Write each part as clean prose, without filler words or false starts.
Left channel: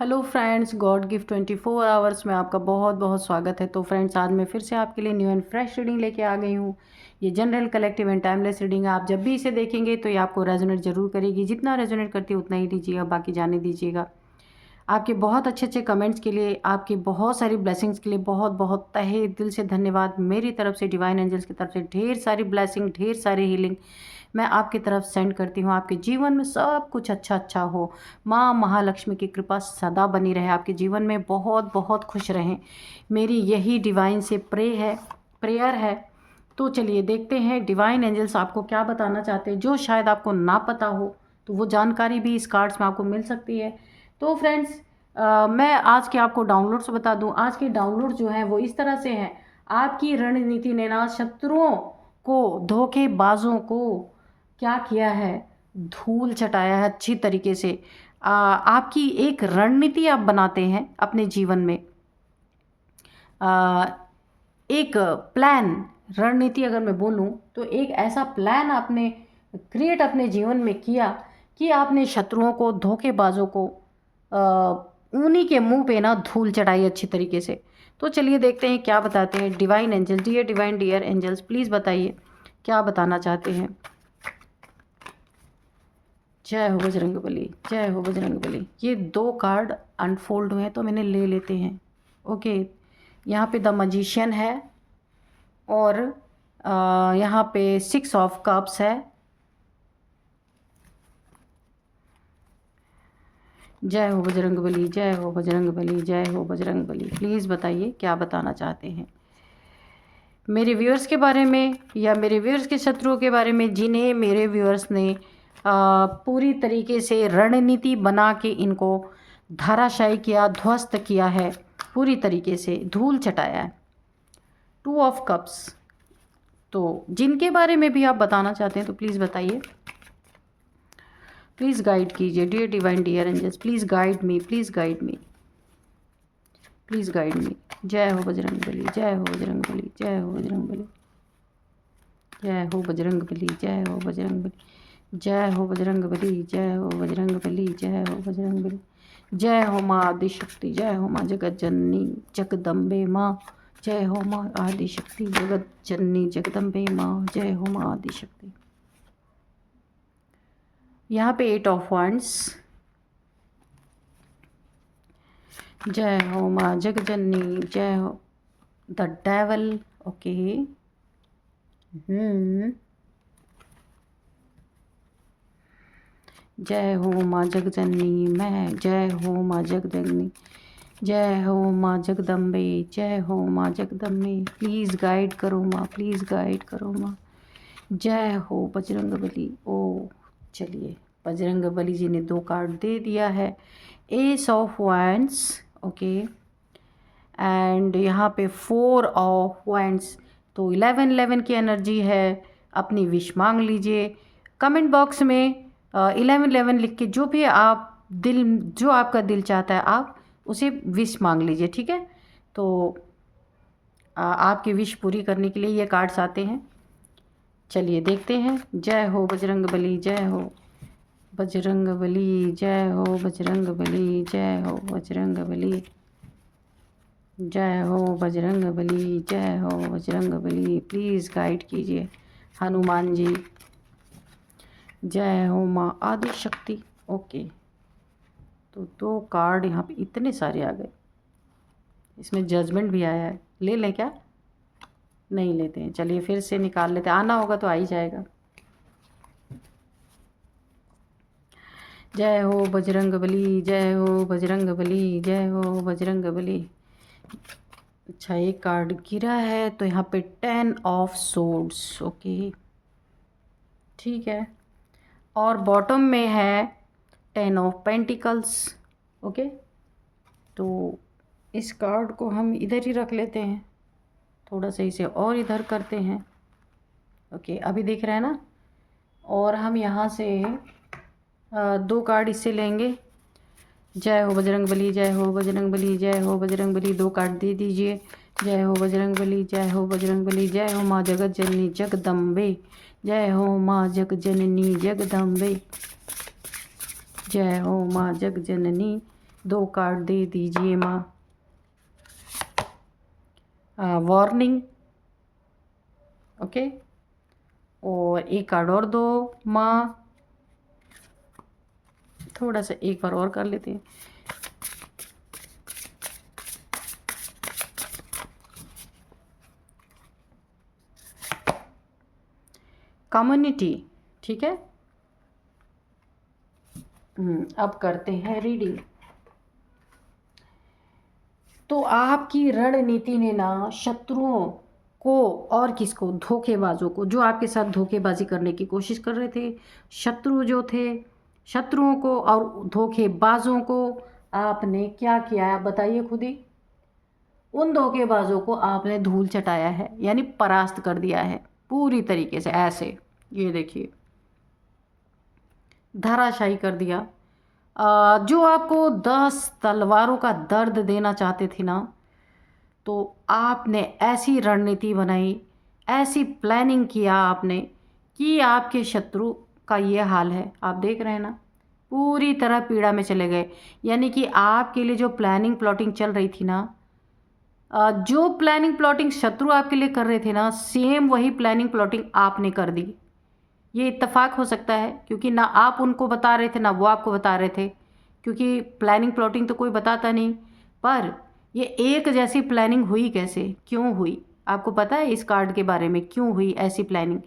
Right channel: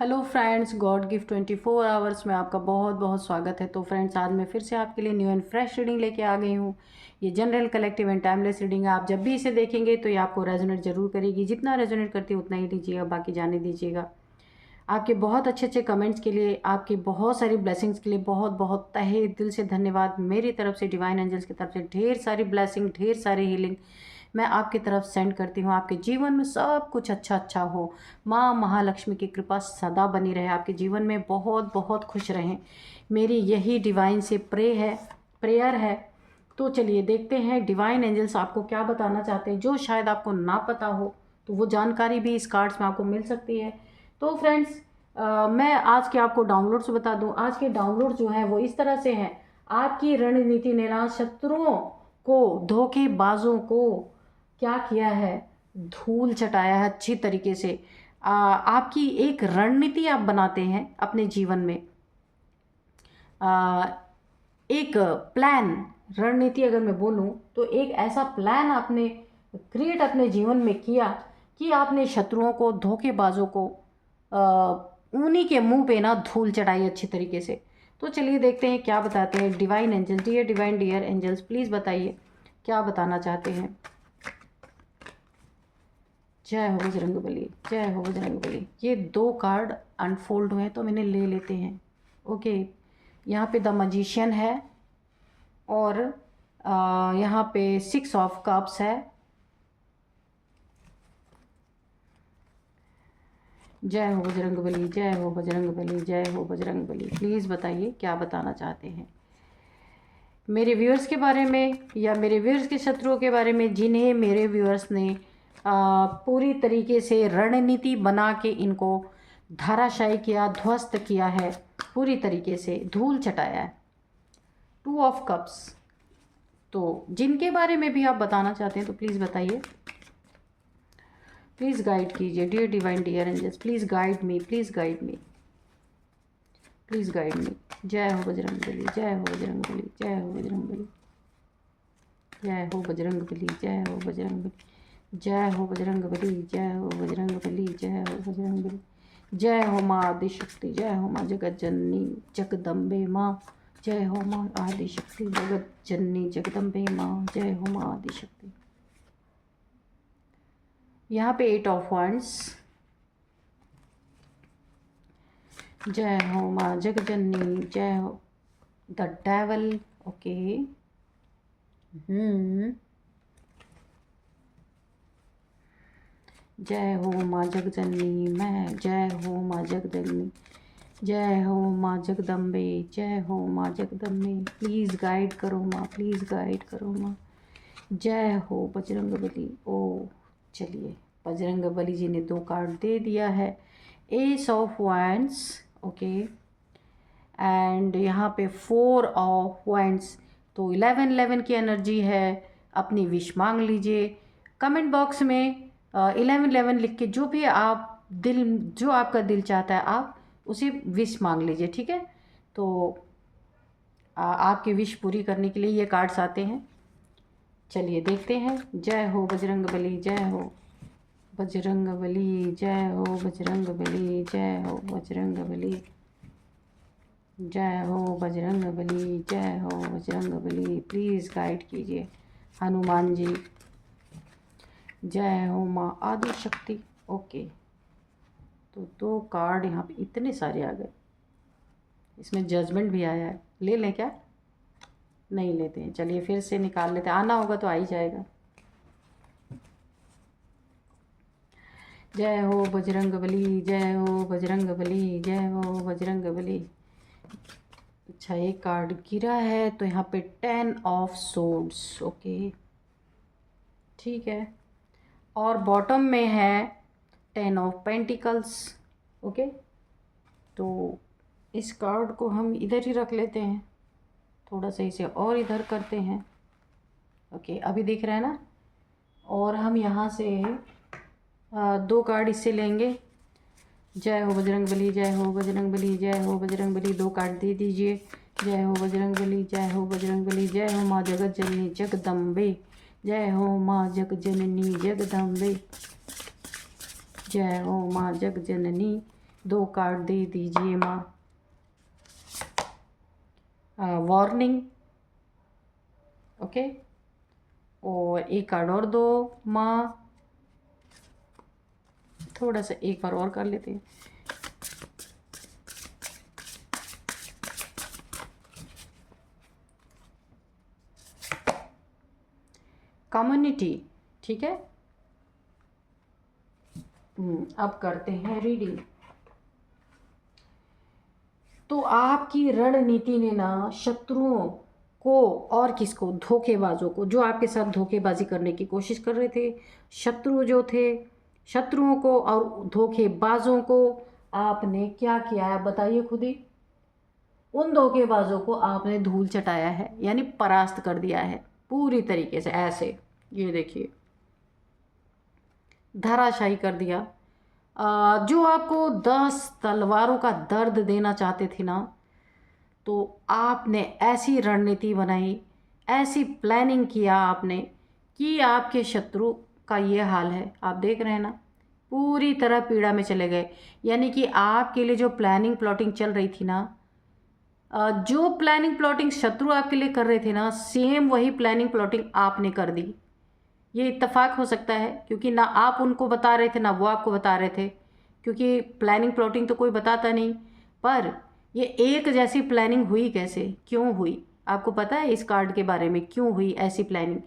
Hello friends, God gift 24 hours में आपका बहुत बहुत स्वागत है। तो फ्रेंड्स, आज मैं फिर से आपके लिए न्यू एंड फ्रेश रीडिंग लेके आ गई हूँ। ये general, collective and timeless reading है। आप जब भी इसे देखेंगे तो ये आपको रेजोनेट जरूर करेगी। जितना रेजोनेट करती है उतना ही दीजिएगा, बाकी जाने दीजिएगा। आपके बहुत अच्छे अच्छे कमेंट्स के लिए, आपकी बहुत सारी ब्लेसिंग्स के लिए बहुत बहुत तहे दिल से धन्यवाद। मेरी तरफ से, डिवाइन एंजल्स की तरफ से ढेर सारी ब्लेसिंग, ढेर सारी हीलिंग मैं आपकी तरफ सेंड करती हूँ। आपके जीवन में सब कुछ अच्छा अच्छा हो। माँ महालक्ष्मी की कृपा सदा बनी रहे, आपके जीवन में बहुत बहुत खुश रहें, मेरी यही डिवाइन से प्रेयर है। तो चलिए देखते हैं डिवाइन एंजल्स आपको क्या बताना चाहते हैं, जो शायद आपको ना पता हो। तो वो जानकारी भी इस कार्ड्स में आपको मिल सकती है। तो फ्रेंड्स, मैं आज के आपको डाउनलोड्स बता दूं। आज के डाउनलोड जो है वो इस तरह से हैं। आपकी रणनीति ने ना शत्रुओं को, धोखेबाजों को क्या किया है, धूल चटाया है अच्छी तरीके से। आपकी एक रणनीति आप बनाते हैं अपने जीवन में। आ, एक प्लान, रणनीति अगर मैं बोलूं तो एक ऐसा प्लान आपने क्रिएट अपने जीवन में किया कि आपने शत्रुओं को, धोखेबाजों को उन्हीं के मुंह पे ना धूल चढ़ाई अच्छी तरीके से। तो चलिए देखते हैं क्या बताते हैं divine angels. Dear divine, dear angels, please बताइए क्या बताना चाहते हैं। जय हो बजरंगबली, जय हो बजरंगबली। ये दो कार्ड अनफोल्ड हुए हैं तो मैंने ले लेते हैं। ओके, यहाँ पे द मजिशियन है और यहाँ पे 6 ऑफ कप्स है। जय हो बजरंगबली, जय हो बजरंगबली, जय हो बजरंगबली। प्लीज़ बताइए क्या बताना चाहते हैं मेरे व्यूअर्स के बारे में, या मेरे व्यूअर्स के शत्रुओं के बारे में, जिन्हें मेरे व्यूअर्स ने पूरी तरीके से रणनीति बना के इनको धराशायी किया, ध्वस्त किया है, पूरी तरीके से धूल चटाया है। 2 ऑफ कप्स। तो जिनके बारे में भी आप बताना चाहते हैं तो प्लीज़ बताइए, प्लीज़ गाइड कीजिए। Dear divine, dear angels, please guide me, please guide me, please guide me. जय हो बजरंगबली, जय हो बजरंगबली, जय हो बजरंगबली, जय हो बजरंगबली, जय हो बजरंगबली, जय हो बजरंगबली, जय हो बजरंगबली, जय हो बजरंगबली। जय हो माँ आदिशक्ति, जय हो माँ जगत जननी जगदम्बे माँ, जय हो माँ आदिशक्ति जगत जननी जगदम्बे माँ, जय हो माँ आदिशक्ति। यहाँ पे 8 ऑफ वॉन्ड्स। जय हो माँ जगजननी, जय हो द डेवल। ओके, जय हो माँ जगजननी, मैं जय हो माँ जगदग्नि, जय हो माँ जगदम्बे, जय हो माँ जगदम्बे। प्लीज़ गाइड करो माँ, प्लीज़ गाइड करो माँ। जय हो बजरंगबली। ओ चलिए, बजरंगबली जी ने 2 कार्ड दे दिया है। S of wands, okay, and यहाँ पे 4 ऑफ वॉन्ड्स। तो 11 की एनर्जी है। अपनी विश मांग लीजिए। कमेंट बॉक्स में 11 लिख के जो भी आप जो आपका दिल चाहता है आप उसे विश मांग लीजिए, ठीक है। तो आपकी विश पूरी करने के लिए ये कार्ड्स आते हैं। चलिए देखते हैं। जय हो बजरंगबली, जय हो बजरंगबली, जय हो बजरंगबली, जय हो बजरंगबली, जय हो बजरंगबली, जय हो बजरंगबली। प्लीज़ गाइड कीजिए हनुमान जी। जय हो माँ आदिशक्ति। ओके, तो 2 कार्ड यहाँ पे इतने सारे आ गए। इसमें जजमेंट भी आया है। ले लें क्या? नहीं लेते हैं। चलिए फिर से निकाल लेते हैं, आना होगा तो आ ही जाएगा। जय हो बजरंगबली, जय हो बजरंगबली, जय हो बजरंगबली। अच्छा, एक कार्ड गिरा है तो यहाँ पे 10 ऑफ सोर्ड्स। ओके, ठीक है, और बॉटम में है 10 ऑफ पेंटिकल्स। ओके, तो इस कार्ड को हम इधर ही रख लेते हैं, थोड़ा सा इसे और इधर करते हैं। ओके, अभी दिख रहा है ना। और हम यहाँ से 2 कार्ड इससे लेंगे। जय हो बजरंगबली, जय हो बजरंगबली, जय हो बजरंगबली। 2 कार्ड दे दीजिए। जय हो बजरंगबली, जय हो बजरंगबली, जय हो माँ जगत जननी जगदम्बे, जय हो माँ जग जननी जगदम्बे, जय हो माँ जग जननी 2 कार्ड दे दीजिए माँ। वार्निंग, ओके, और एक कार्ड और दो माँ। थोड़ा सा एक बार और कर लेते हैं। कम्युनिटी, ठीक है। अब करते हैं रीडिंग। तो आपकी रणनीति ने ना शत्रुओं को और किसको, धोखेबाजों को, जो आपके साथ धोखेबाजी करने की कोशिश कर रहे थे, शत्रु जो थे, शत्रुओं को और धोखेबाजों को आपने क्या किया है बताइए खुद ही। उन धोखेबाजों को आपने धूल चटाया है, यानी परास्त कर दिया है पूरी तरीके से। ऐसे ये देखिए, धराशायी कर दिया। जो आपको 10 तलवारों का दर्द देना चाहते थे ना, तो आपने ऐसी रणनीति बनाई, ऐसी प्लानिंग किया आपने कि आपके शत्रु का ये हाल है। आप देख रहे हैं ना, पूरी तरह पीड़ा में चले गए। यानी कि आपके लिए जो प्लानिंग प्लॉटिंग चल रही थी ना, जो प्लानिंग प्लॉटिंग शत्रु आपके लिए कर रहे थे ना, सेम वही प्लानिंग प्लॉटिंग आपने कर दी। ये इत्तेफाक हो सकता है, क्योंकि ना आप उनको बता रहे थे ना वो आपको बता रहे थे, क्योंकि प्लानिंग प्लॉटिंग तो कोई बताता नहीं। पर ये एक जैसी प्लानिंग हुई कैसे, क्यों हुई, आपको पता है इस कार्ड के बारे में क्यों हुई ऐसी प्लानिंग?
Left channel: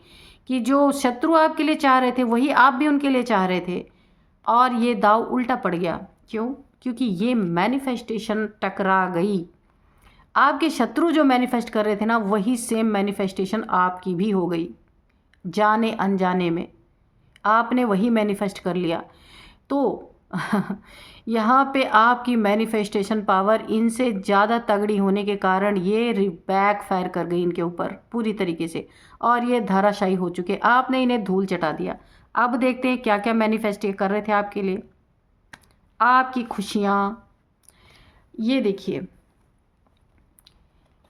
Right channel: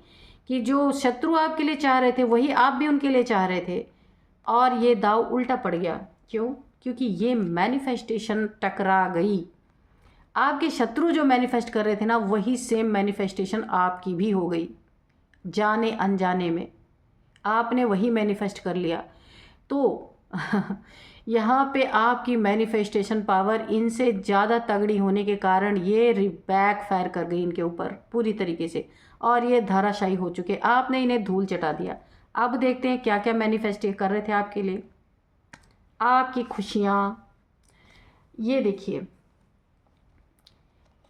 कि जो शत्रु आपके लिए चाह रहे थे वही आप भी उनके लिए चाह रहे थे, और ये दाव उल्टा पड़ गया। क्यों? क्योंकि ये मैनिफेस्टेशन टकरा गई। आपके शत्रु जो मैनिफेस्ट कर रहे थे ना, वही सेम मैनिफेस्टेशन आपकी भी हो गई। जाने अनजाने में आपने वही मैनिफेस्ट कर लिया। तो यहाँ पे आपकी मैनिफेस्टेशन पावर इनसे ज़्यादा तगड़ी होने के कारण ये बैक फायर कर गई इनके ऊपर पूरी तरीके से, और ये धराशायी हो चुके। आपने इन्हें धूल चटा दिया। अब देखते हैं क्या क्या मैनिफेस्ट कर रहे थे आपके लिए। आपकी खुशियाँ, ये देखिए,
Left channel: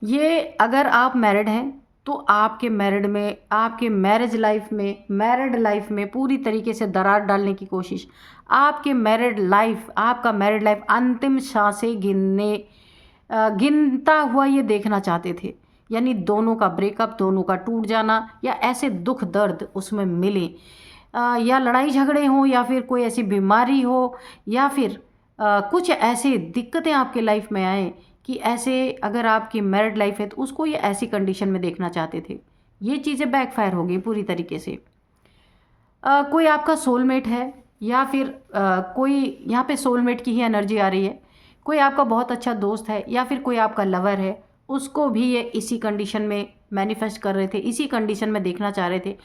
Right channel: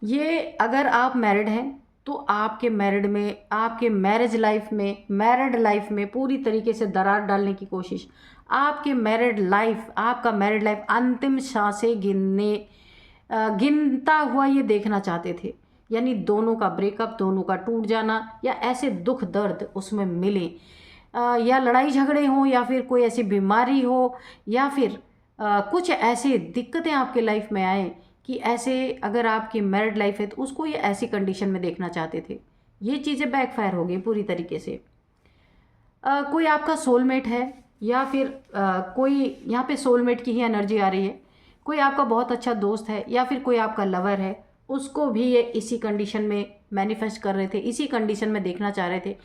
ये अगर आप मैरिड हैं तो आपके मैरिड में, आपके मैरिज लाइफ में पूरी तरीके से दरार डालने की कोशिश। आपके मैरिड लाइफ, आपका मैरिड लाइफ अंतिम सांसें गिनता हुआ ये देखना चाहते थे। यानी दोनों का ब्रेकअप, दोनों का टूट जाना, या ऐसे दुख दर्द उसमें मिले, या लड़ाई झगड़े हों, या फिर कोई ऐसी बीमारी हो, या फिर कुछ ऐसी दिक्कतें आपके लाइफ में आए कि ऐसे अगर आपकी मैरिड लाइफ है तो उसको ये ऐसी कंडीशन में देखना चाहते थे। ये चीज़ें बैकफायर हो गई पूरी तरीके से। कोई आपका सोलमेट है, या फिर कोई यहाँ पे सोलमेट की ही एनर्जी आ रही है। कोई आपका बहुत अच्छा दोस्त है, या फिर कोई आपका लवर है, उसको भी ये इसी कंडीशन में मैनिफेस्ट कर रहे थे, इसी कंडीशन में देखना चाह रहे थे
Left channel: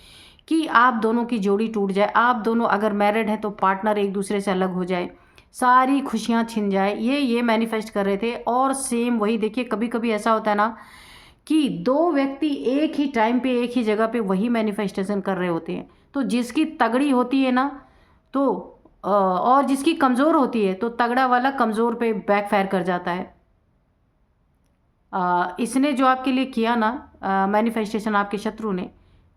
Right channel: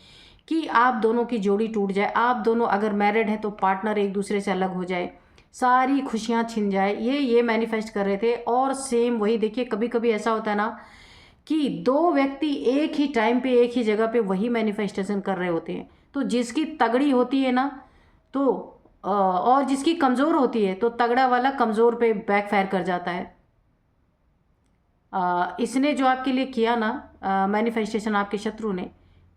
कि आप दोनों की जोड़ी टूट जाए। आप दोनों अगर मैरिड हैं तो पार्टनर एक दूसरे से अलग हो जाए, सारी खुशियाँ छिन जाए, ये मैनिफेस्ट कर रहे थे। और सेम वही देखिए, कभी कभी ऐसा होता है ना कि दो व्यक्ति एक ही टाइम पे एक ही जगह पे वही मैनिफेस्टेशन कर रहे होते हैं। तो जिसकी तगड़ी होती है ना, तो और जिसकी कमज़ोर होती है, तो तगड़ा वाला कमज़ोर पे बैकफायर कर जाता है। इसने जो आपके लिए किया ना मैनिफेस्टेशन, आपके शत्रु ने,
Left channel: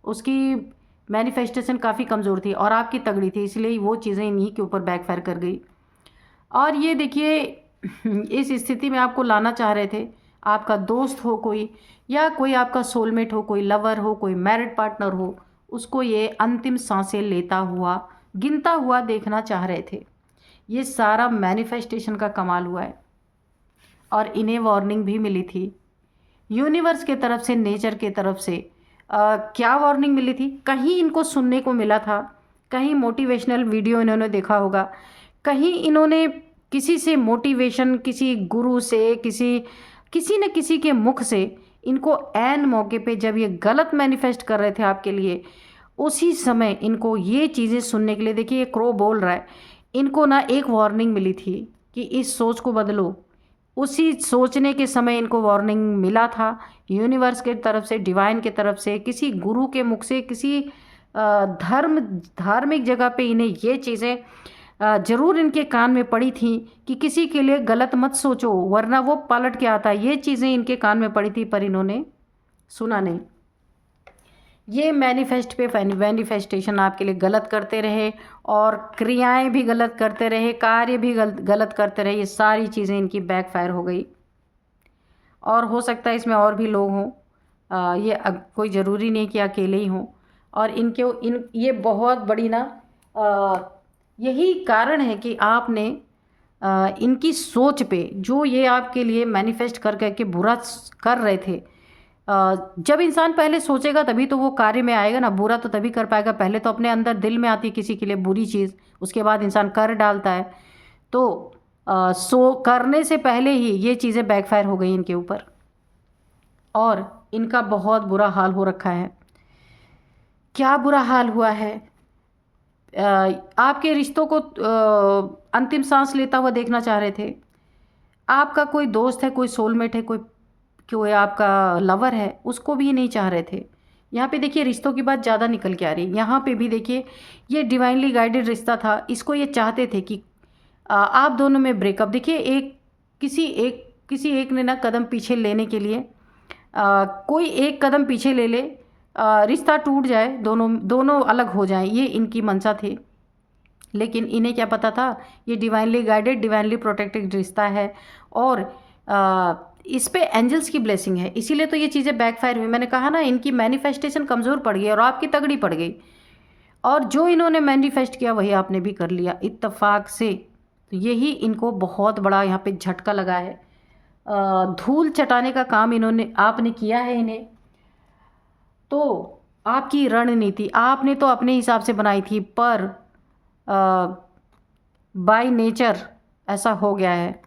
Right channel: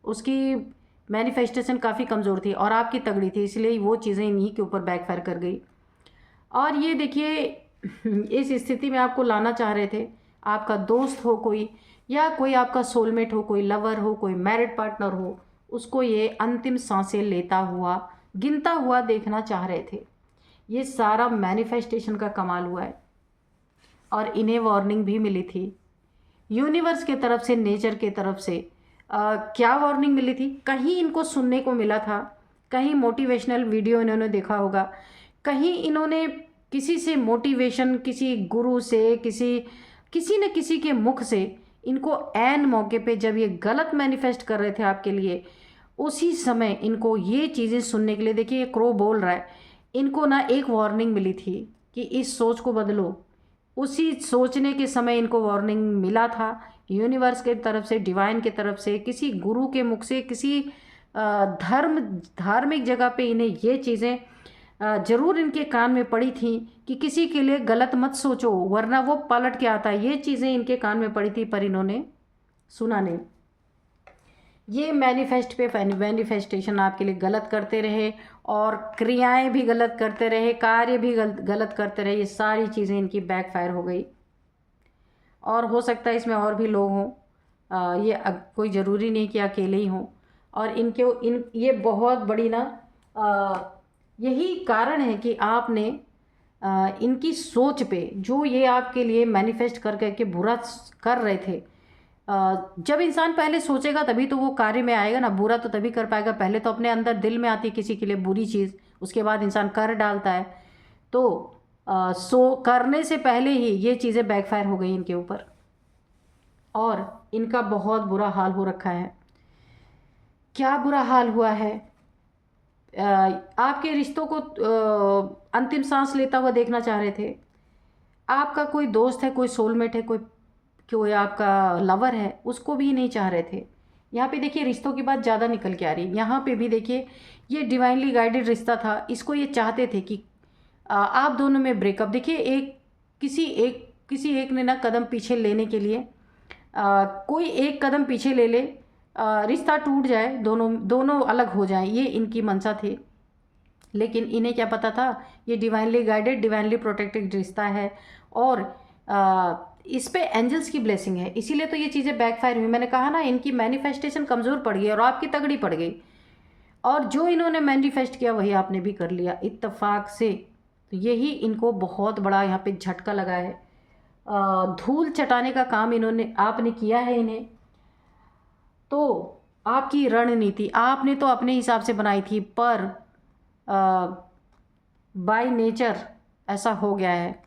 उसकी मैनिफेस्टेशन काफ़ी कमज़ोर थी और आपकी तगड़ी थी, इसलिए वो चीज़ें इन्हीं के ऊपर बैकफायर कर गई। और ये देखिए, इस स्थिति में आपको लाना चाह रहे थे, आपका दोस्त हो कोई, या कोई आपका सोलमेट हो, कोई लवर हो, कोई मैरिड पार्टनर हो, उसको ये अंतिम सांसें लेता हुआ, गिनता हुआ देखना चाह रहे थे। ये सारा मैनिफेस्टेशन का कमाल हुआ है। और इन्हें वार्निंग भी मिली थी यूनिवर्स के तरफ से, नेचर के तरफ से। क्या वार्निंग मिली थी? कहीं इनको सुनने को मिला था, कहीं मोटिवेशनल वीडियो इन्होंने देखा होगा, कहीं इन्होंने किसी से मोटिवेशन, किसी गुरु से, किसी न किसी के मुख से, इनको ऐन मौके पे जब ये गलत मैनिफेस्ट कर रहे थे आपके लिए, उसी समय इनको ये चीज़ें सुनने के लिए, देखिए ये क्रो बोल रहा है, इनको ना एक वार्निंग मिली थी कि इस सोच को बदलो। उसी सोचने के समय इनको वार्निंग मिला था यूनिवर्स के तरफ से, डिवाइन के तरफ से, किसी गुरु के मुख से, किसी धार्मिक जगह पे इन्हें ये चीज़ें ज़रूर इनके कान में पड़ी थी कि किसी के लिए गलत मत सोचो वरना वो पलट के आता है। ये चीज़ें इनके कान में पड़ी थी, पर इन्होंने सुना नहीं। ये मैनिफेस्टेशन आपके लिए गलत करते रहे और क्रियाएं भी गलत करते रहे, कार्य भी गलत करते रहे, ये सारी चीज़ें इनकी बैकफायर हो गई। और हो सकता है इसमें और भी लोग हों, ये कोई ज़रूरी नहीं कि अकेले ही हों। और ये बहुत बड़ी ना यही कारण है कि आपने इनकी सोच पे जो ये आपके लिए मैनिफेस्ट कर करके बुरा कर रहे थे, जब इंसान पहले सोचेगा तभी तो वो कार्य में आएगा ना, बुरा तो तभी कर पाएगा। पहले तो अपने अंदर दिल में आती है किसी के लिए बुरी चीज़, उसके बाद इंसान कर डालता है। तो करने से पहले ही ये चीज़ें बैकफायर हो गई इनके ऊपर और इनका बहुत बुरा हाल हो रखा है। क्या बुरा हाल हुआ है? आपके रिश्तों को अंतिम सांस लेता हुआ देखना चाह रहे थे। आपका कोई दोस्त है, कोई सोलमेट है, कोई आपका लवर है, उसको भी नहीं चाह रहे थे। यहाँ पे देखिए रिश्तों की बात ज़्यादा निकल के आ रही है। यहाँ पे भी देखिए ये डिवाइनली गाइडेड रिश्ता था, इसको ये चाहते थे कि आप दोनों में ब्रेकअप। देखिए किसी एक ने ना कदम पीछे लेने के लिए कोई एक कदम पीछे ले ले, रिश्ता टूट जाए, दोनों अलग हो जाएं, ये इनकी मंशा थी। लेकिन इन्हें क्या पता था ये डिवाइनली गाइडेड, डिवाइनली प्रोटेक्टेड रिश्ता है और इस पे एंजल्स की ब्लेसिंग है, इसीलिए तो ये चीज़ें बैकफायर हुई। मैंने कहा ना इनकी मैनिफेस्टेशन कमज़ोर पड़ गई और आपकी तगड़ी पड़ गई, और जो इन्होंने मैनिफेस्ट किया वही आपने भी कर लिया इत्तेफाक से। तो यही इनको बहुत बड़ा यहाँ पे झटका लगा है। धूल चटाने का काम आपने किया है इन्हें। तो आपकी रणनीति आपने तो अपने हिसाब से बनाई थी, पर बाय नेचर ऐसा हो गया है।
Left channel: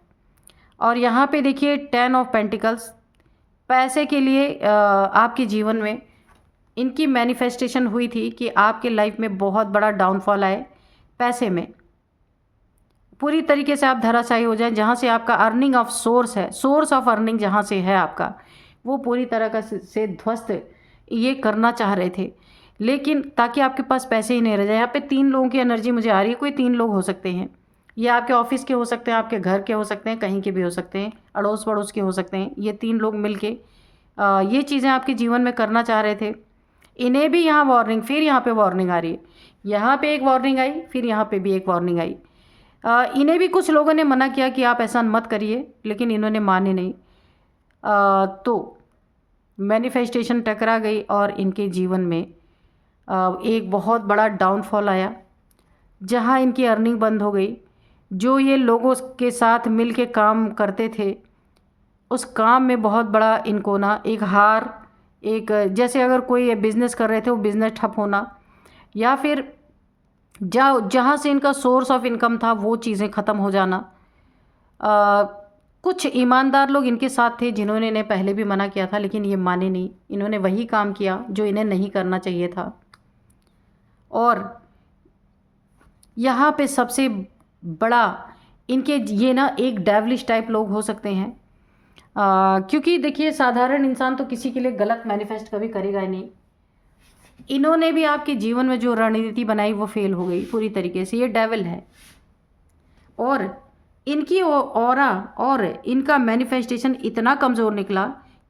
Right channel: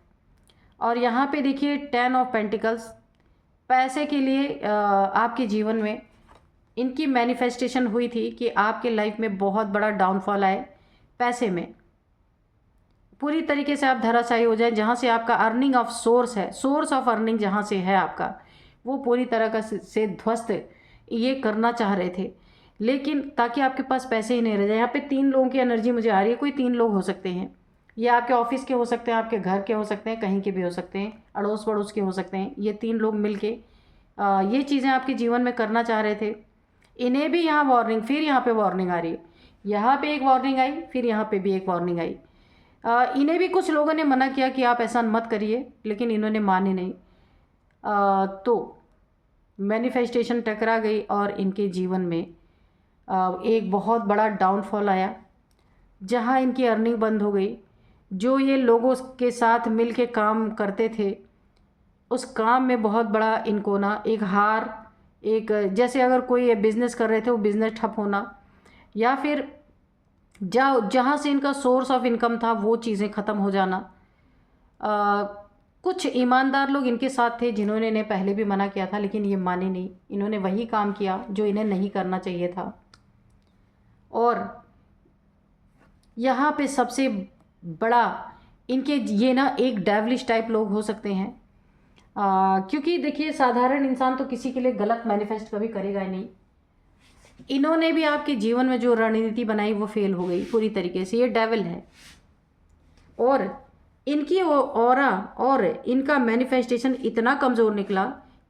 और यहाँ पे देखिए 10 ऑफ पेंटिकल्स, पैसे के लिए आपके जीवन में इनकी मैनिफेस्टेशन हुई थी कि आपके लाइफ में बहुत बड़ा डाउनफॉल आए, पैसे में पूरी तरीके से आप धराशायी हो जाएं। जहाँ से आपका अर्निंग ऑफ सोर्स है, सोर्स ऑफ अर्निंग जहाँ से है आपका, वो पूरी तरह का से ध्वस्त ये करना चाह रहे थे। लेकिन ताकि आपके पास पैसे ही नहीं रह जाए। यहाँ पे 3 लोगों की एनर्जी मुझे आ रही है, कोई 3 लोग हो सकते हैं, ये आपके ऑफिस के हो सकते हैं, आपके घर के हो सकते हैं, कहीं के भी हो सकते हैं, अड़ोस पड़ोस के हो सकते हैं। ये 3 लोग मिलके ये चीज़ें आपके जीवन में करना चाह रहे थे। इन्हें भी यहाँ वार्निंग, फिर यहाँ पे वार्निंग आ रही है, यहाँ पे एक वार्निंग आई, फिर यहाँ पे भी एक वार्निंग आई। इन्हें भी कुछ लोगों ने मना किया कि आप ऐसा मत करिए, लेकिन इन्होंने माने नहीं। तो मैनिफेस्टेशन टकरा गई और इनके जीवन में एक बहुत बड़ा डाउनफॉल आया, जहाँ इनकी अर्निंग बंद हो गई। जो ये लोगों के साथ मिल के काम करते थे, उस काम में बहुत बड़ा इनको ना एक हार, एक जैसे अगर कोई बिज़नेस कर रहे थे वो बिज़नेस ठप होना, या फिर जहाँ से इनका सोर्स ऑफ इनकम था वो चीज़ें ख़त्म हो जाना। कुछ ईमानदार लोग इनके साथ थे जिन्होंने इन्हें पहले भी मना किया था, लेकिन ये माने नहीं, इन्होंने वही काम किया जो इन्हें नहीं करना चाहिए था। और यहाँ पे सबसे बड़ा इनके ये ना एक डेविलिश टाइप लोग हो सकते हैं, क्योंकि देखिए साधारण इंसान तो किसी के लिए गलत मैनिफेस्ट कभी करेगा ही नहीं। इन्होंने भी आपके जीवन में जो रणनीति बनाई वो फेल हो गई पूरी तरीके से। ये डेविल है और इनकी ऑरा और इनका मैनिफेस्टेशन इतना कमज़ोर निकला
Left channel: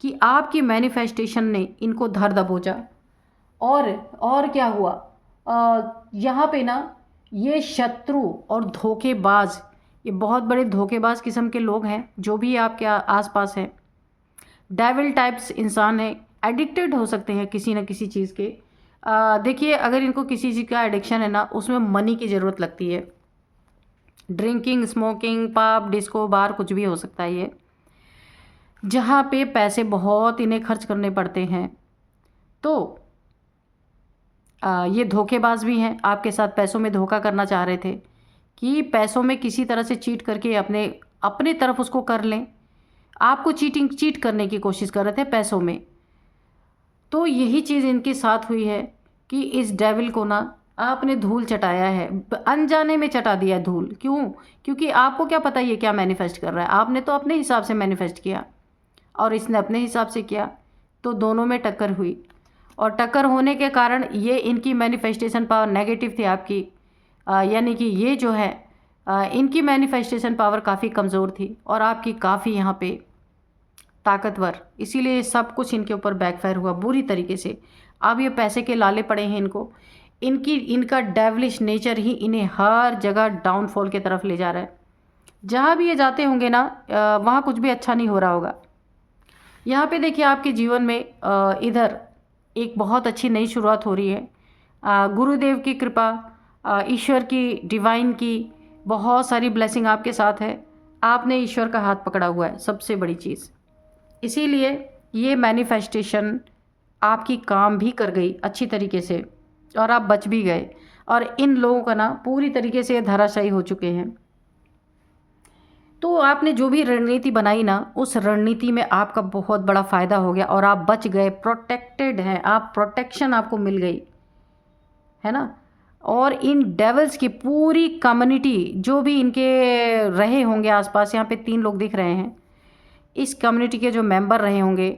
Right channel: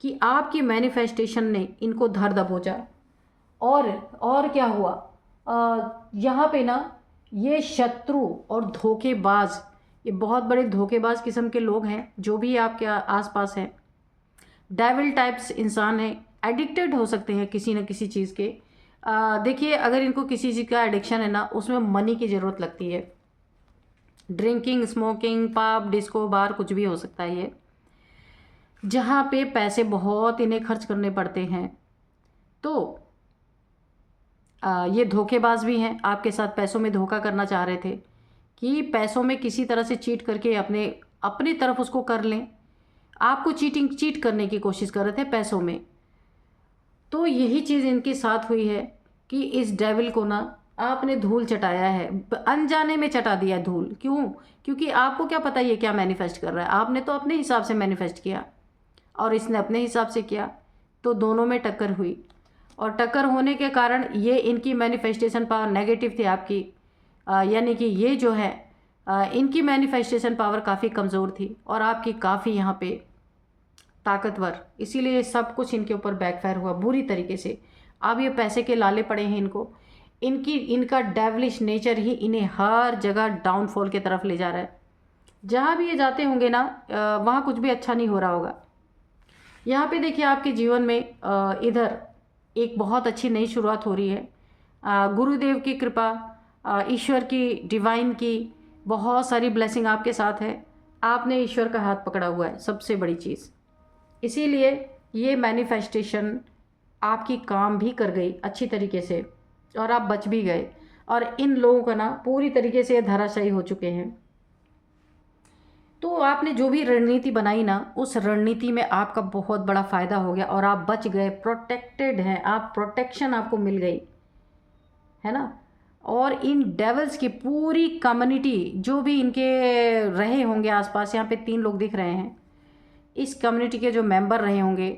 कि आपकी मैनिफेस्टेशन ने इनको धर दबोचा। और क्या हुआ, यहाँ पे ना ये शत्रु और धोखेबाज, ये बहुत बड़े धोखेबाज किस्म के लोग हैं जो भी आपके आसपास हैं। डेविल टाइप्स इंसान हैं, एडिक्टेड हो सकते हैं किसी न किसी चीज़ के। देखिए अगर इनको किसी चीज़ का एडिक्शन है ना, उसमें मनी की ज़रूरत लगती है। ड्रिंकिंग, स्मोकिंग, पब, डिस्को, बार, कुछ भी हो सकता है ये, जहाँ पे पैसे बहुत इन्हें खर्च करने पड़ते हैं। तो ये धोखेबाज भी हैं, आपके साथ पैसों में धोखा करना चाह रहे थे कि पैसों में किसी तरह से चीट करके अपने तरफ उसको कर लें। आपको चीट करने की कोशिश कर रहे थे पैसों में। तो यही चीज़ इनके साथ हुई है कि इस डेविल को ना आपने धूल चटाया है, अनजाने में चटा दिया है धूल। क्यों? क्योंकि आपको क्या पता ये क्या मैनिफेस्ट कर रहा है। आपने तो अपने हिसाब से मैनिफेस्ट किया और इसने अपने हिसाब से किया, तो दोनों में टक्कर हुई। और टक्कर होने के कारण ये इनकी मैनिफेस्टेशन पावर नेगेटिव थी आपकी, यानी कि ये जो है इनकी मैनिफेस्टेशन पावर काफ़ी कमज़ोर थी और आपकी काफ़ी यहाँ पे ताकतवर। इसीलिए सब कुछ इनके ऊपर बैकफायर हुआ बुरी तरीके से। अब ये पैसे के लाले पड़े हैं इनको। इनका डेविलिश नेचर ही इन्हें हर जगह डाउनफॉल की तरफ ले जा रहा है। जहाँ भी ये जाते होंगे ना वहाँ कुछ भी अच्छा नहीं हो रहा होगा। यहाँ पे देखिए आपके जीवन में इधर एक बहुत अच्छी नई शुरुआत हो रही है। गुरुदेव की कृपा, ईश्वर की, डिवाइन की बहुत सारी ब्लेसिंग आपके साथ है। आपने ईश्वर का हाथ पकड़ा हुआ है, सबसे बड़ी चीज़। इसीलिए ये मैनिफेस्टेशन आपकी काम भी कर गई अच्छी तरीके से और आप बच भी गए। और इन लोगों का ना पूरी तरीके से धराशायी हो चुके हैं। तो आपने जो भी रणनीति बनाई ना, उस रणनीति में आपका बहुत बड़ा फ़ायदा हो गया और आप बच गए, प्रोटेक्टेड हैं आप, प्रोटेक्शन आपको मिल गई, है ना। और इन डेवल्स की पूरी कम्युनिटी जो भी इनके रहे होंगे आसपास, यहाँ पे 3 लोग दिख रहे हैं, इस कम्युनिटी के जो मेंबर रहे होंगे,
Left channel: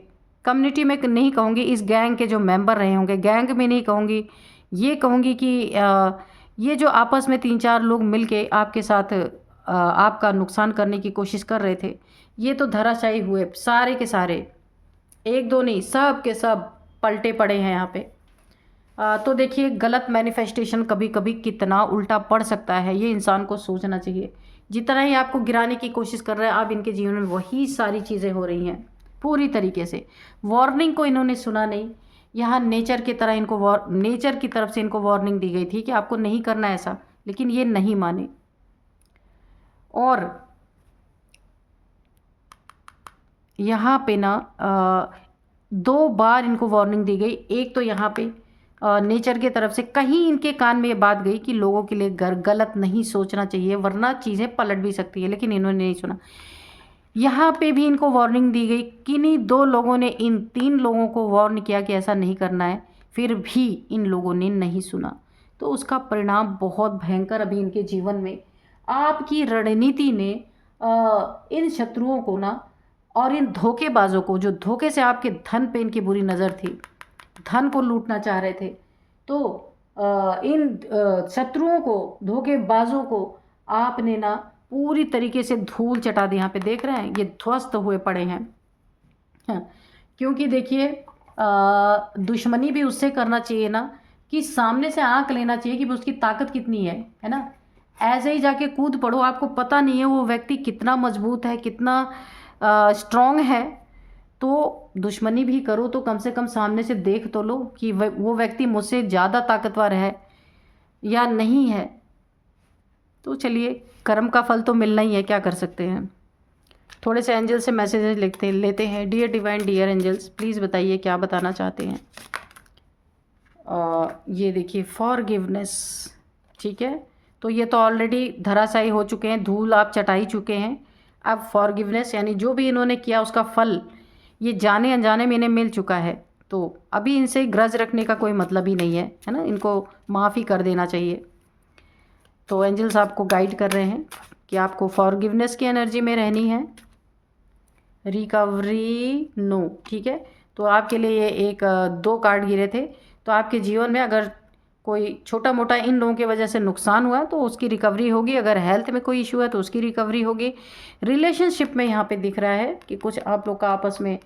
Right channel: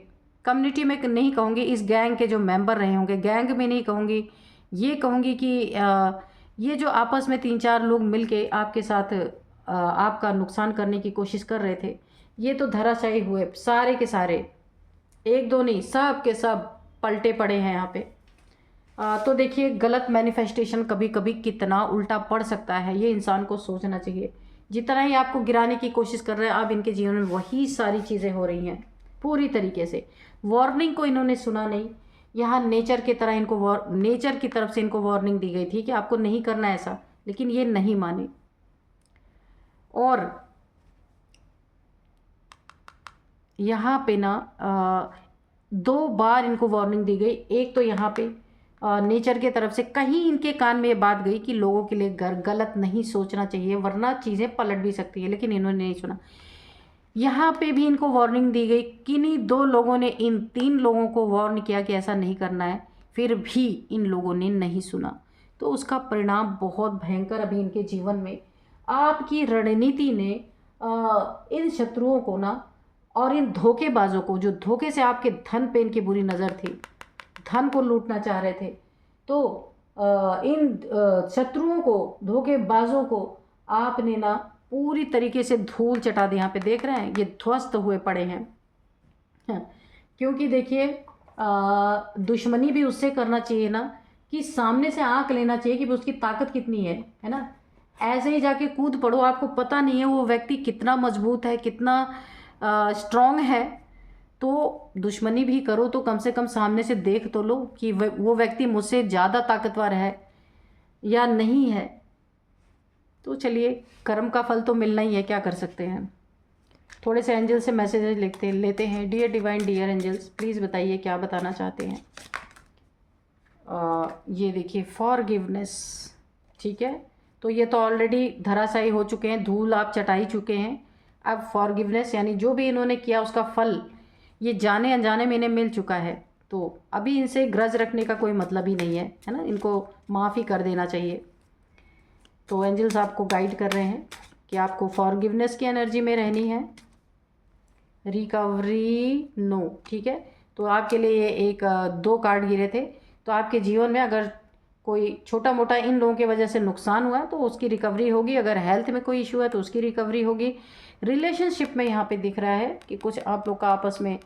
कम्युनिटी में नहीं कहूँगी, इस गैंग के जो मेंबर रहे होंगे, गैंग में नहीं कहूँगी, ये कहूँगी कि ये जो आपस में 3-4 लोग मिलके आपके साथ आपका नुकसान करने की कोशिश कर रहे थे, ये तो धराशायी हुए सारे के सारे, 1-2 नहीं, सब के सब पलटे पड़े हैं यहाँ पे। तो देखिए गलत मैनिफेस्टेशन कभी कभी कितना उल्टा पड़ सकता है, ये इंसान को सोचना चाहिए। जितना ही आपको गिराने की कोशिश कर रहे हैं, अब इनके जीवन में वही सारी चीज़ें हो रही हैं पूरी तरीके से। वार्निंग को इन्होंने सुना नहीं। यहाँ नेचर की तरह इनको नेचर की तरफ से इनको वार्निंग दी गई थी कि आपको नहीं करना ऐसा, लेकिन ये नहीं माने। और यहाँ पे ना 2 बार इनको वार्निंग दी गई। एक तो यहाँ पे नेचर की तरफ से कहीं इनके कान में ये बात गई कि लोगों के लिए गलत नहीं सोचना चाहिए वरना चीज़ें पलट भी सकती है, लेकिन इन्होंने नहीं सुना। यहाँ पे भी इनको वार्निंग दी गई। किन्हीं 2 लोगों ने इन 3 लोगों को वार्न किया कि ऐसा नहीं करना है, फिर भी इन लोगों ने नहीं सुना। तो उसका परिणाम बहुत भयंकर अभी इनके जीवन में, आपकी रणनीति ने इन शत्रुओं को ना और इन धोखेबाजों को, जो धोखे से आपके धन पे इनकी बुरी नज़र थी, धन को लूटना चाह रहे थे, तो इन शत्रुओं को, धोखेबाजों को आपने ना पूरी तरीके से धूल चटा दी। यहाँ पे देख रहे हैं ये ध्वस्त हुए पड़े हैं। हाँ, क्योंकि देखिए दुश्मनी भी उससे करना चाहिए ना कि सामने से आंक लेना चाहिए कि उसकी ताकत कितनी है ना। ऐसे ही जाके कूद पड़ो, आपको पता नहीं है वो व्यक्ति कितना मजबूत है, कितना स्ट्रांग है। तो दुश्मनी भी करो तो कम से कम सामने से देख तो लो कि वो व्यक्ति मुझसे ज़्यादा ताकतवर है या नहीं है। तो चलिए, कर्म का फल तो मिलना ही है, क्या कर सकते हैं। थोड़े से एंजल से मैसेजेस लेते हैं। Dear divine, dear angels, please बताइए क्या बताना चाहते हैं। ये देखिए फॉरगिवनेस, ठीक है, तो ये तो ऑलरेडी धराशायी हो चुके हैं, धूल आप चटाई चुके हैं। अब फॉरगिवनेस यानी जो भी इन्होंने किया उसका फल ये जाने अनजाने में इन्हें मिल चुका है, तो अभी इनसे ग्रज रखने का कोई मतलब ही नहीं है, है ना। इनको माफ़ी कर देना चाहिए। तो एंजल्स आपको गाइड कर रहे हैं कि आपको फॉरगिवनेस की एनर्जी में रहनी है। रिकवरी नो, ठीक है। तो आपके लिए ये एक 2 कार्ड गिरे थे। तो आपके जीवन में अगर कोई छोटा मोटा इन लोगों की वजह से नुकसान हुआ तो उसकी रिकवरी होगी। अगर हेल्थ में कोई इशू है तो उसकी रिकवरी होगी। रिलेशनशिप में यहाँ पे दिख रहा है कि कुछ आप लोग का आपस में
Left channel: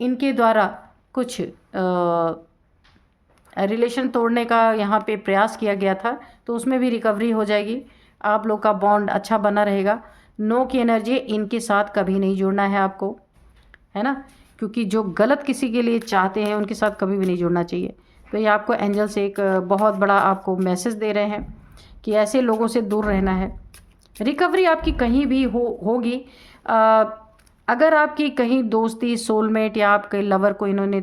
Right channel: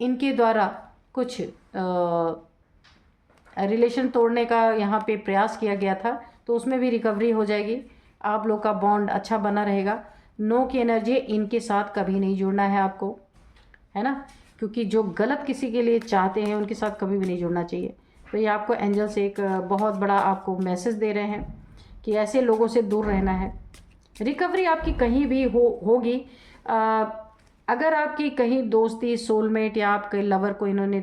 इनके द्वारा कुछ रिलेशन तोड़ने का यहाँ पे प्रयास किया गया था, तो उसमें भी रिकवरी हो जाएगी। आप लोग का बॉन्ड अच्छा बना रहेगा। नो की एनर्जी, इनके साथ कभी नहीं जुड़ना है आपको, है ना, क्योंकि जो गलत किसी के लिए चाहते हैं उनके साथ कभी भी नहीं जुड़ना चाहिए। तो ये आपको एंजल से एक बहुत बड़ा आपको मैसेज दे रहे हैं कि ऐसे लोगों से दूर रहना है। रिकवरी आपकी कहीं भी होगी। अगर आपकी कहीं दोस्ती, सोलमेट या आपके लवर को इन्होंने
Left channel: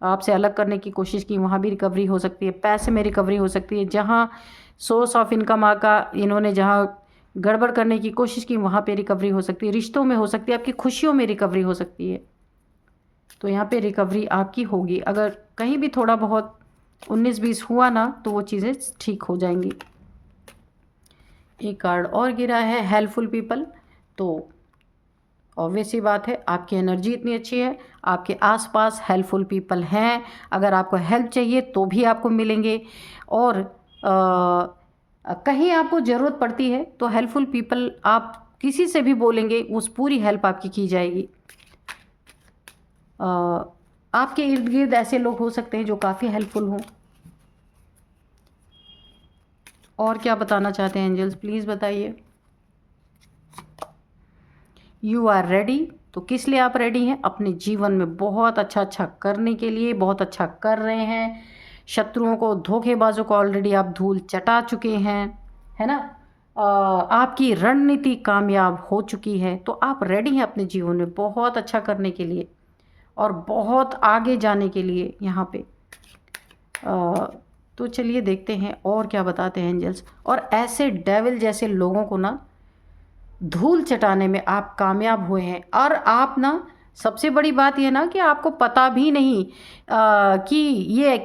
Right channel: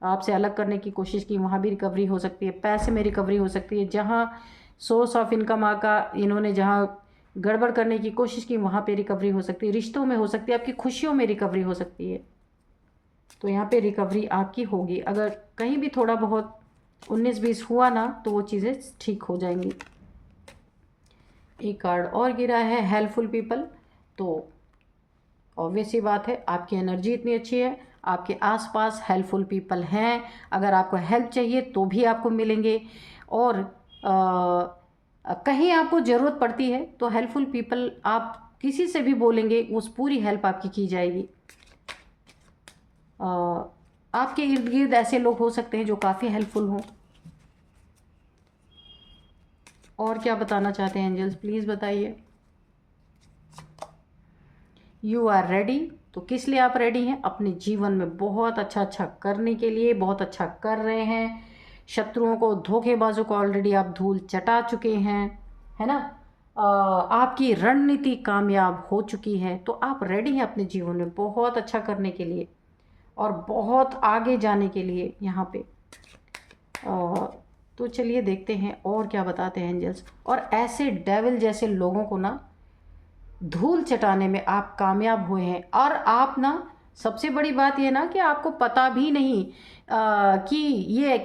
आपसे अलग करने की कोशिश की, वहाँ भी रिकवरी हो सकती है। पैसे में रिकवरी हो सकती है। जहाँ सोर्स ऑफ इनकम का इन्होंने जहाँ गड़बड़ करने की कोशिश की वहाँ पे रिकवरी हो सकती है। रिश्तों में हो सकती है, आपकी खुशियों में रिकवरी हो सकती है। तो यहाँ पे रिकवरी आपकी होगी। अगर कहीं भी थोड़ा बहुत 19-20 हुआ ना तो वो चीज़ें ठीक हो जाएंगी। एक कार्ड और गिरा है हेल्पफुल पीपल। तो ऑब्वियस सी बात है, आपकी एनर्जी इतनी अच्छी है, आपके आसपास हेल्पफुल पीपल हैं। अगर आपको हेल्प चाहिए तो भी आपको मिलेंगे। और कहीं आपको ज़रूरत पड़ती है तो हेल्पफुल पीपल, आप किसी से भी बोलेंगे उस पूरी हेल्प आपकी की जाएगी। आपके इर्द गिर्द ऐसे लोग हो सकते हैं जो काफ़ी हेल्पफुल हों। और क्या बताना चाहते हैं एंजल्स, प्लीज़ बताइए। You are ready. तो किस लिए आप रेडी हैं? अपने जीवन में बहुत अच्छा अच्छा करने के लिए, बहुत अच्छा कर रहे हैं। शत्रुओं को, धोखेबाजों को ऑलरेडी आप धूल चटा चुके हैं, है ना। आपकी रणनीति कामयाब हो चुकी है, तो आप रेडी हैं अपने जीवन में बहुत अच्छा करने के लिए और बहुत आगे जाने के लिए यहाँ पे। तो चलिए देखते हैं और क्या बताते हैं एंजल्स। और ऐसे डेविल जैसे लोगों को ना धूल चटाने में आप कामयाब हुए हैं। और आप ना, सबसे बड़ी बात ये ना कि आपको पता भी नहीं कि ये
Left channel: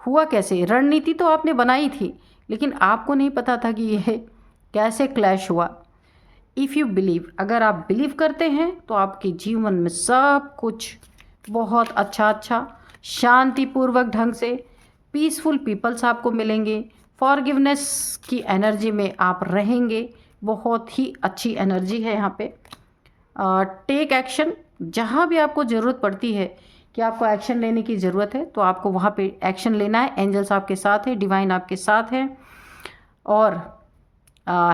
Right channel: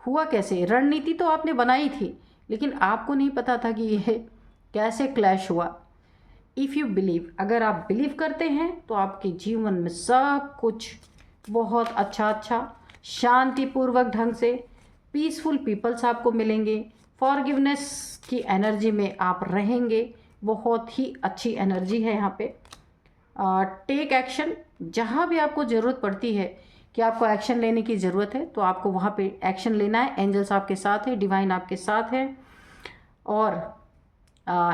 हुआ कैसे। रणनीति तो आपने बनाई थी, लेकिन आपको नहीं पता था कि ये कैसे क्लैश हुआ। इफ़ यू बिलीव, अगर आप बिलीव करते हैं तो आपके जीवन में सब कुछ बहुत अच्छा अच्छा शांतिपूर्वक ढंग से, पीसफुल पीपल्स आपको मिलेंगे। फॉरगिवनेस की एनर्जी में आप रहेंगे। बहुत ही अच्छी एनर्जी है यहाँ पे। टेक एक्शन, जहाँ भी आपको ज़रूरत पड़ती है कि आपको एक्शन लेने की ज़रूरत है, तो आपको वहाँ पे एक्शन लेना है। एंजल्स आपके साथ है, डिवाइन आपके साथ है, और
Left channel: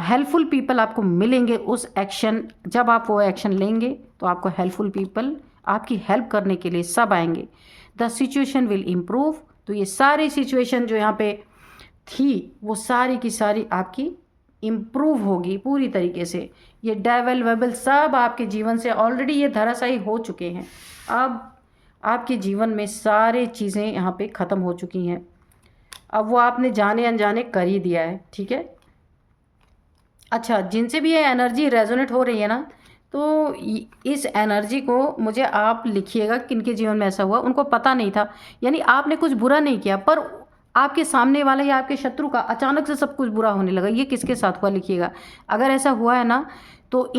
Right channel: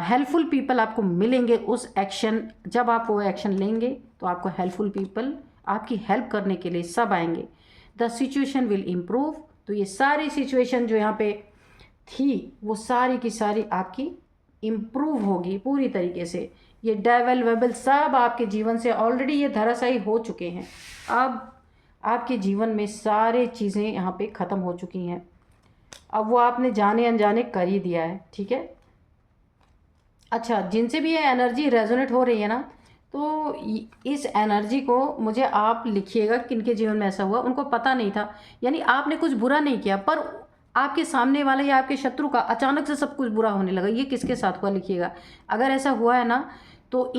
हेल्पफुल पीपल आपको मिलेंगे उस एक्शन, जब आप वो एक्शन लेंगे तो आपको हेल्पफुल पीपल आपकी हेल्प करने के लिए सब आएंगे। The situation will improve. तो ये सारी सिचुएशन जो यहाँ पे थी वो सारी की सारी आपकी इम्प्रूव होगी पूरी तरीके से। ये डेवल वेबल सब आपके जीवन से ऑलरेडी ये धराशायी हो चुके हैं। अब आपके जीवन में सारी चीज़ें यहाँ पे ख़त्म हो चुकी हैं। अब वो आपने जाने अनजाने कर ही दिया है, ठीक है। अच्छा, जिनसे भी ये एनर्जी रेजोनेट हो रही है ना, तो इस एनर्जी को मुझे आप लिखिएगा किनके जीवन में ऐसा हुआ। उनको पता नहीं था, यानी आपने कुछ बुरा नहीं किया, पर आपके सामने वाला या आपके शत्रु का अचानक से सब कुछ बुरा होने लगा। ये किसके साथ हुआ लिखिएगा। अगर ऐसा हुआ है ना, तो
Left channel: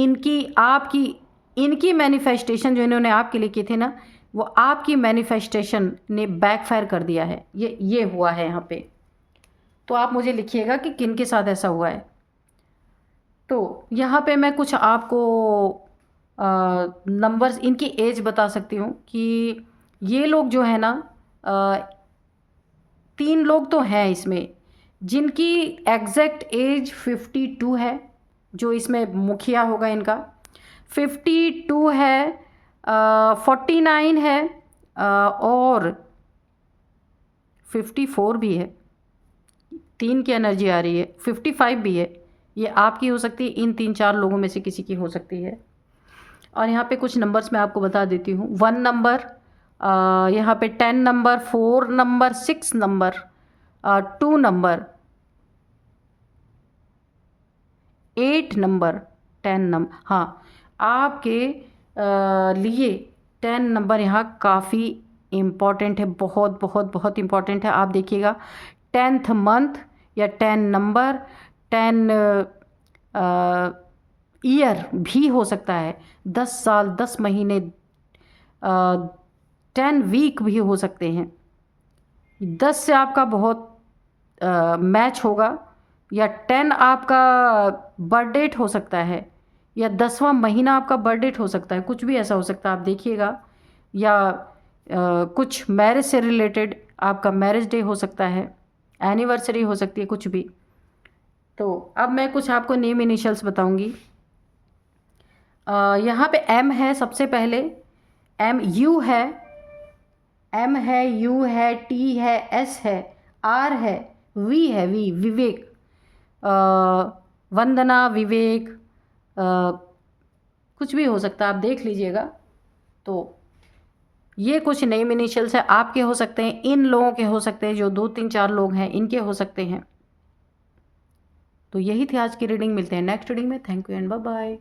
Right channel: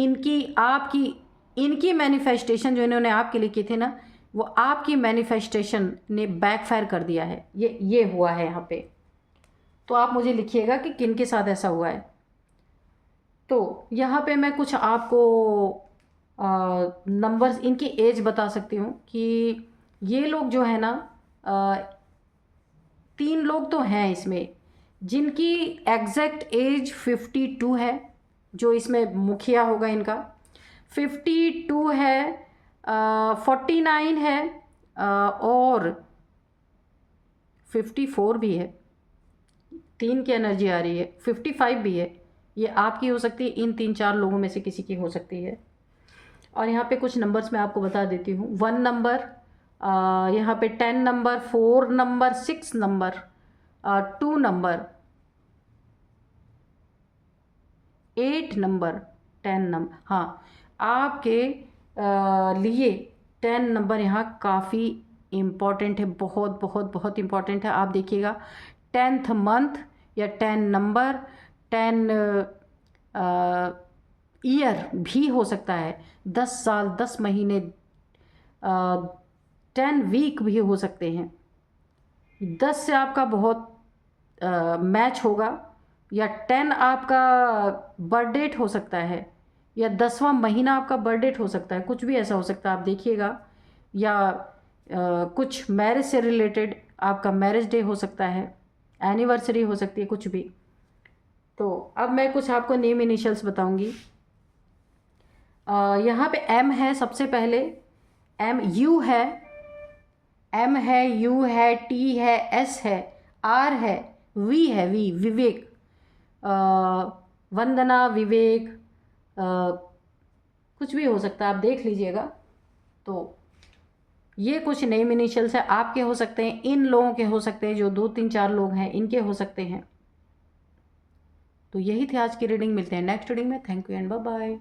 इनकी मैनिफेस्टेशन जो इन्होंने आपके लिए किए थे ना, वो आपकी मैनिफेस्टेशन ने बैकफायर कर दिया है। ये हुआ है यहाँ पे। तो आप मुझे लिखिएगा कि किनके साथ ऐसा हुआ है। तो यहाँ पे मैं कुछ आपको नंबर्स, इनकी एज बता सकती हूँ कि ये लोग जो है ना, 3 लोग तो हैं इसमें जिनकी एग्जैक्ट एज 52 है, जो इसमें मुखिया होगा इनका। 52 है, 49 है, और 54 भी है। 3 की एनर्जी आ रही है, 55 भी है। ये आपकी हो सकती है, इन 3-4 लोगों में से किसी की हो सकती है। और यहाँ पे कुछ नंबर्स मैं आपको बता देती हूँ। 1 नंबर, यहाँ पे 10 number, 4 number, 6 number, 2 number, 8 number, 10 number. हाँ, आपके लिए 10 नंबर यहाँ काफ़ी इम्पॉर्टेंट है, बहुत बहुत बहुत इम्पॉर्टेंट है। आप देखिएगा 10th मंथ या 10 नंबर, 10 ईयर भी हो सकता है, 10 साल, 10 महीने, 10 वीक भी हो सकते हैं। 10 से आपका बहुत मैच होगा, या 10 आपका बर्थ डेट हो सकता है, या 10वां महीना आपका बर्थ डेट हो सकता है, कुछ भी ऐसा हो सकता है। आप देखिएगा, या कुछ मैरिज से रिलेटेड आपका मैरिज डे हो सकता है, एनिवर्सरी हो सकती है, कुछ भी। तो अब मैं कुछ आपको नेम इनिशियल्स बताऊंगी। यहाँ पे एम है सबसे पहले, एम। यू है, एम है, यू है, टी है, एस है, आर है, वी है, विवेक, वंदना, विवेक, कुछ भी हो सकता है, आप देख लीजिएगा। तो ये कुछ नेम इनिशियल्स है, आपके हो सकते हैं, इन लोगों के हो सकते हैं, जो 2-3-4 लोग हैं इनके हो सकते हैं। तो यही थी आज की रीडिंग। मिलते हैं नेक्स्ट रीडिंग में। Thank you and bye bye.